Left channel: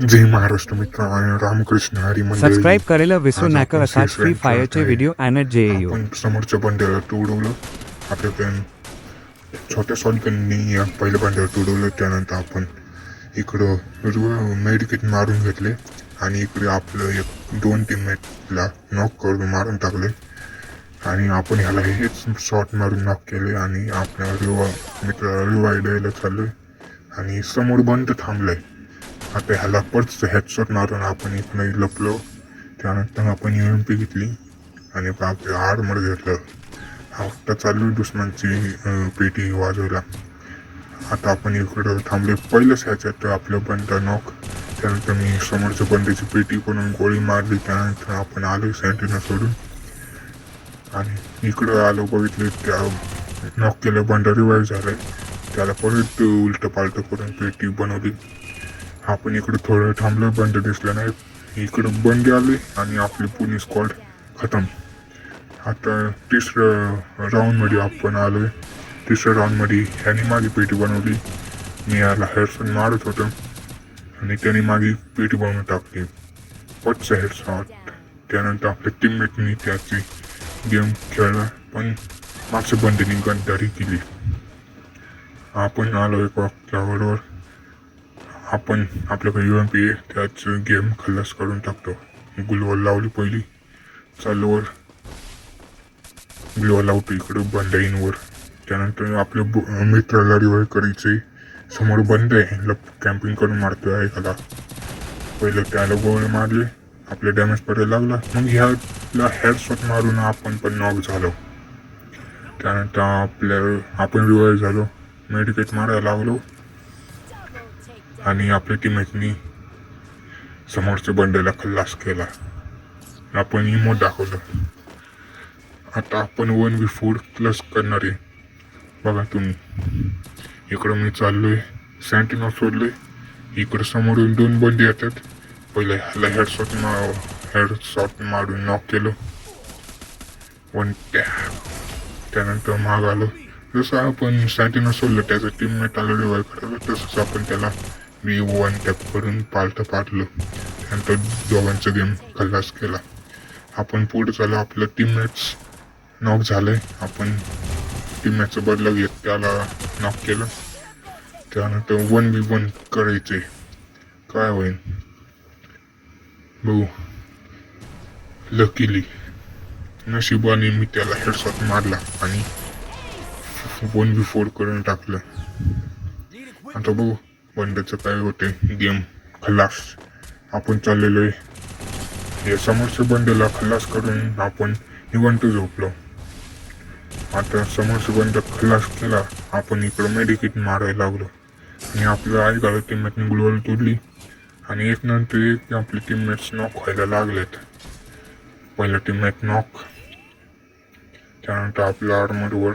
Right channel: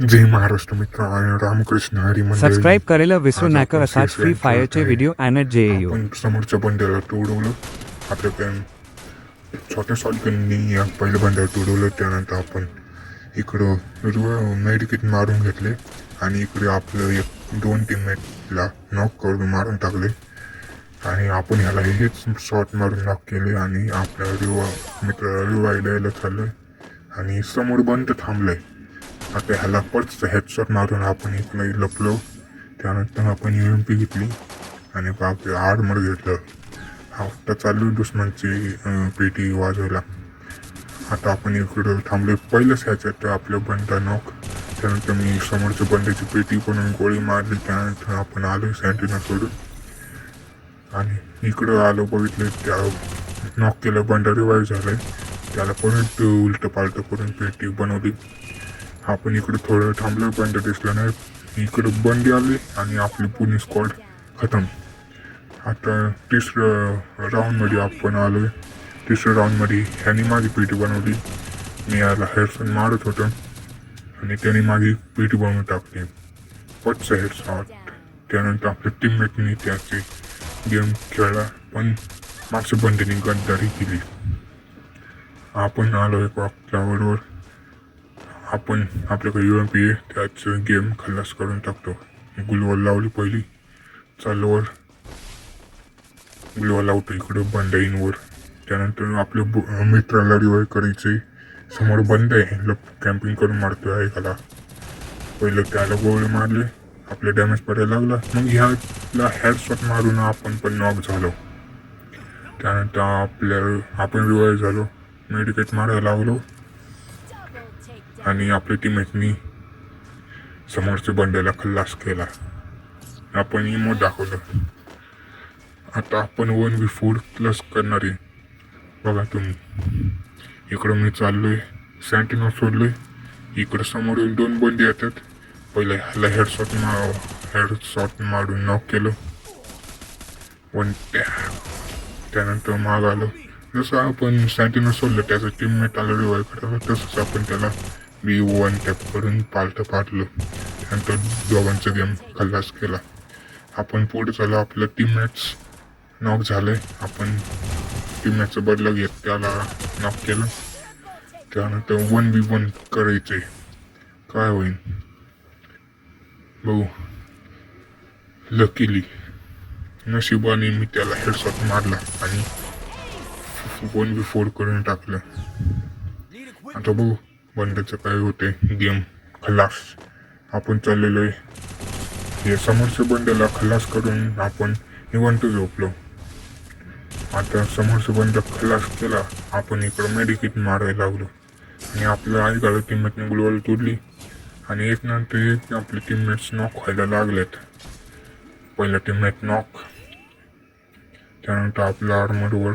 जय महाराष्ट्र मित्र आणि रामकृष्ण हरी मंडळी. सबस्क्राईब करायला विसरू आज नका. आपण असाच फ्री फ्री फायर फायरचे खेळत व्हिडिओ आणत जे येऊ. आपण समोरच्या बंड्याला तोडवलं. आपल्या पॅन छोट्या सॉल्टनी या पहिल्या बंड्याला तोडवलं. त्यानंतर आपण इकडं मेडिकेट मारून घेतले आणि इकडे आपलं एक 2 टीममेटला नॉक करून मारून टाकले आणि आपण ह्याला हेच शॉट मारून नॉक केले आणि आपल्या मित्राला रिवाय द्यायला चाललोय आणि समोर बंद थांबलाय. आता ह्याला परत हेडशॉट मारून आपण इकडे लपलो. त्यानंतर आपण UMP घेतली आणि आपलं आर्मर घेतलं. आता चालू दुश्मनची पेटी वाजवायला. आता आपण इकडं थांबले. पहिलंच ह्याच्यात आपलं बंदा नॉक. त्यानंतर मी समोरच्या बंड्याची पेटी बनवून गोळी मारली. त्यानंतर आपण आलो सँटीना सोडून आणि इकडं आलो. बघितले त्या नॉक केलं बंड रिवाईव्ह झालं. त्याला परत उलट पालट करून पेटी बनवली. आपण इकडं थोडं थांबलो. बंड दिसला नाही. इकडं बंड आले आणि आपली पुणे स्क्वॉड खतम. आता तिसरं राऊंडमध्ये आपण आलोय. तिसऱ्या राऊंडमध्ये ह्याने माझी पेटी बनवली. मी याला हेडशॉट मारत होतो आणि त्याने माझी पेटी बनवून टाकली. पटचं हेडशॉट. त्यानंतर आपल्या टीममेटने त्याची गेम खेळला पण मागच्या बंडीने गद्दारी केली. आपण आलो एक वाक्याबरोबर. आपण आपल्याकडे UMP आहे. त्याच गेम खल्लास करून टाकतो. गुलवल लावली पहिली. चालूवर गुलवल लावतो इकडं बंडाईंवर. त्यानंतर आपल्या मित्राला रिवाईव्ह करायचंय. समोर बंद आहे. कॅम्पिंग करून मारतोय एखादा. पहिलं त्याला गोळी मारली. आपले डॅमेज पडायला लागला. मग ह्याला हेडशॉट मारून आपण पण नॉक झालो. त्यानंतर आपण रिवाईव्ह झालो. मेडिकेट मारायला लागलो आणि आपल्या टीममेटनी समोरच्या बंड्याला खल्लास केला. आपण इमोट दाखवलं. आता आपण 1v4 प्लस करणार आहे. बघा तुम्ही. इकडं मी चाललोय. सँटीना सोडले. इकडं समोरून 2 बंडे येतात. पहिले ह्याला हेडशॉट मारून नॉक केलं. पण त्यानंतर माग आलो. जसं आपण सँटीना सोडलं त्याचा टीममेट आला रिवाईव्ह करायला, तसंच आपण त्याला V1 टॅप करून पाडलं. नंतर दोघांचा गेम खल्लास केला. आपण पुढे चालू. आपलं टीममेट्स नॉक झाले. आपण टीममेटचा बदला घेत त्याला नॉक केलं. त्यानंतर 1v1 करायचे. काय होईल बघू. लकीली नशिबाने मी त्याला हेडशॉट मारला आणि 1v4 करून टाकलं. आता बघू बंडाचं काय होते. गेम खल्लास. आपण चाललेलो आहे. या समोरच्या बंड्याला खल्लास करून आपण निवांत झोपलो. आता समोरच्या बंड खल्लास केला. आपण इकडं मेडिकेट मारायला लागलो आणि आपलं ऐकायला टीममेटने गुलवाल तोडली आणि एक नंतर एक आपले टीममेट्स नॉक व्हायला लागलेत. पहिला टीममेट नॉक. त्यानंतर आपल्या आर्मरवर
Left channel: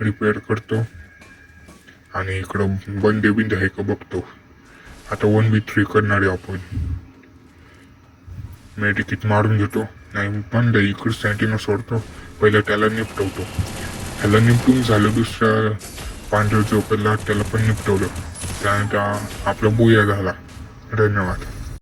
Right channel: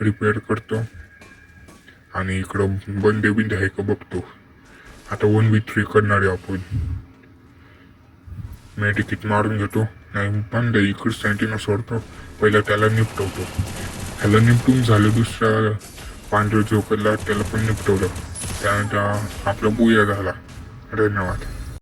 रिपेअर करतो आणि इकडं बंदे बिंदे आहे का बघतो. आता 1v3 करणार आहे आपण. मेडिकेट मारून घेतो. नाही बंद इकडं सँटीना सोडतो. पहिलं त्याला निपटवतो. ह्याला निपटून झालं. दुसऱ्या पांढऱ्या झोपेला त्याला पण निपटवलं. त्यानंतर आपला बुया झाला. धन्यवाद.